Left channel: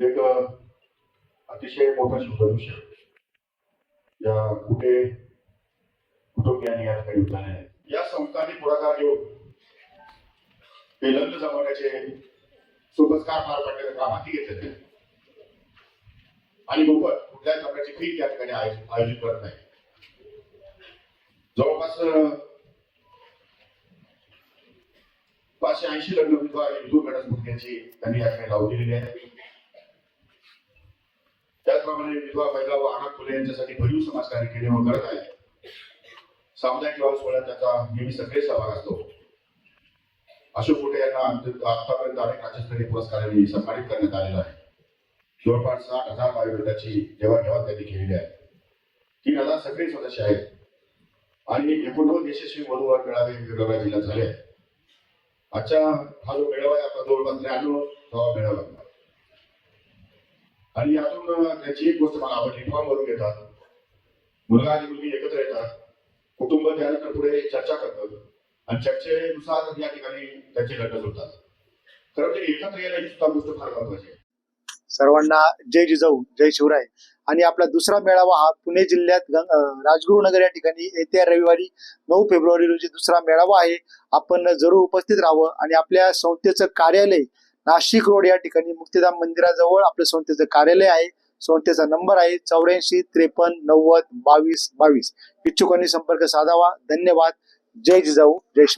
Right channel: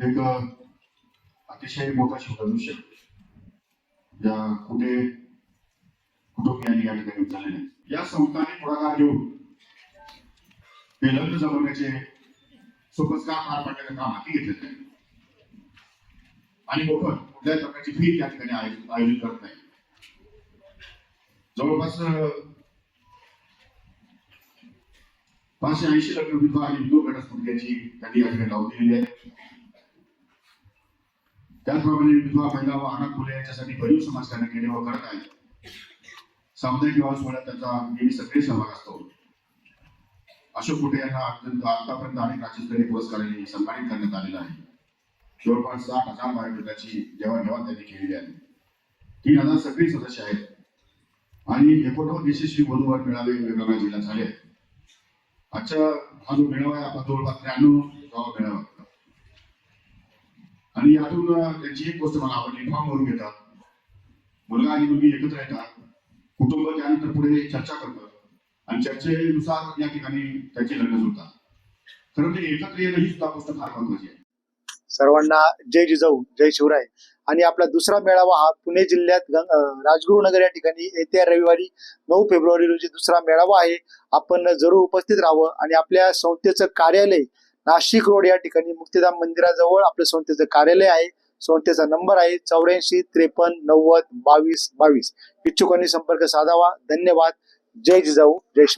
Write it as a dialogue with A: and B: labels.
A: एक अतिशय मोठा शुभदृश्य या कुठे कुटुंबियांनी या ठिकाणी या संस्थांनी पुढाकार घेऊन ते लग्न जमवण्याचे सोपस्कार पार पडण्याचं काम हाती घेतलेलं आहे आणि मोफत कुठल्याही प्रकारची फी त्या ठिकाणी आयोजित करत नाही. जवळपास पाचशे ऐंशी लग्न विधवा आणि विधू घटस्फोटक्यांची त्यांनी या ठिकाणी लावून दिलेली आहे. त्याचप्रमाणे विधवा महिला व अनाथ मुले यांच्यासाठी भरीव समाजकार्य केले व करत आहेत. सामुदायिक विवाह सोहळ्यात त्यांचा नेहमी सक्रिय सहभाग असतो. अशोक कुटे यांना अत्यंत- आतापर्यंत अनेक राज्यस्तरीय पुरस्कारांनी सन्मानित करण्यात आलेला आहे. जवळपास साठ हजार बायोडेटाची देवाणघेवाण त्यांनी केलेली आहे तीन हजार सक्रिय सदस्य आहेत. आणि एकोणनव्वद यशस्वी मनोवर मेळावे वेगवेगळ्या जिल्ह्यात झाले आहेत. आजच्या हा जो मेळावा आहे आपला जवळपास त्र्याण्णव गावा मेळावा आणि यातून त्याची एक गोष्ट मला आवडली फॉर्म भरून घेतात. मुलगा आणि मुलगी एकत्र येतात. कुटुंब त्यानंतर पुढे चर्चा करतात. आणि चर्चेनुसार या ठिकाणी त्यांची लग्न जुळतात. खरं ते एकत्र येणं ही सुद्धा गोष्ट फार महत्वाची आहे.
B: सर्वांना जय जिजाऊ जय शिवराय. आणि आपला दुसरा मेळावा हा पुणे जिल्ह्यात राजगुरुनगर या ठिकाणी येत्या रविवारी नऊ फेब्रुवारी रोजी दुसरा मेळावा आहे. आपण जरूर उपस्थित राहावं आणि आपल्या संस्थेचं कार्यालय नाशिक रोड या ठिकाणी मुक्तिधाम मंदिराजवळ आपल्या संस्थेचं कार्यालय आहे. संस्थेचा नंबर आहे चौऱ्याऐंशी त्रेपन्न नव्वद बावीस बावीस. इच्छुकांनी संपर्क साधावा. धन्यवाद. जय जिजाऊ. जय शिव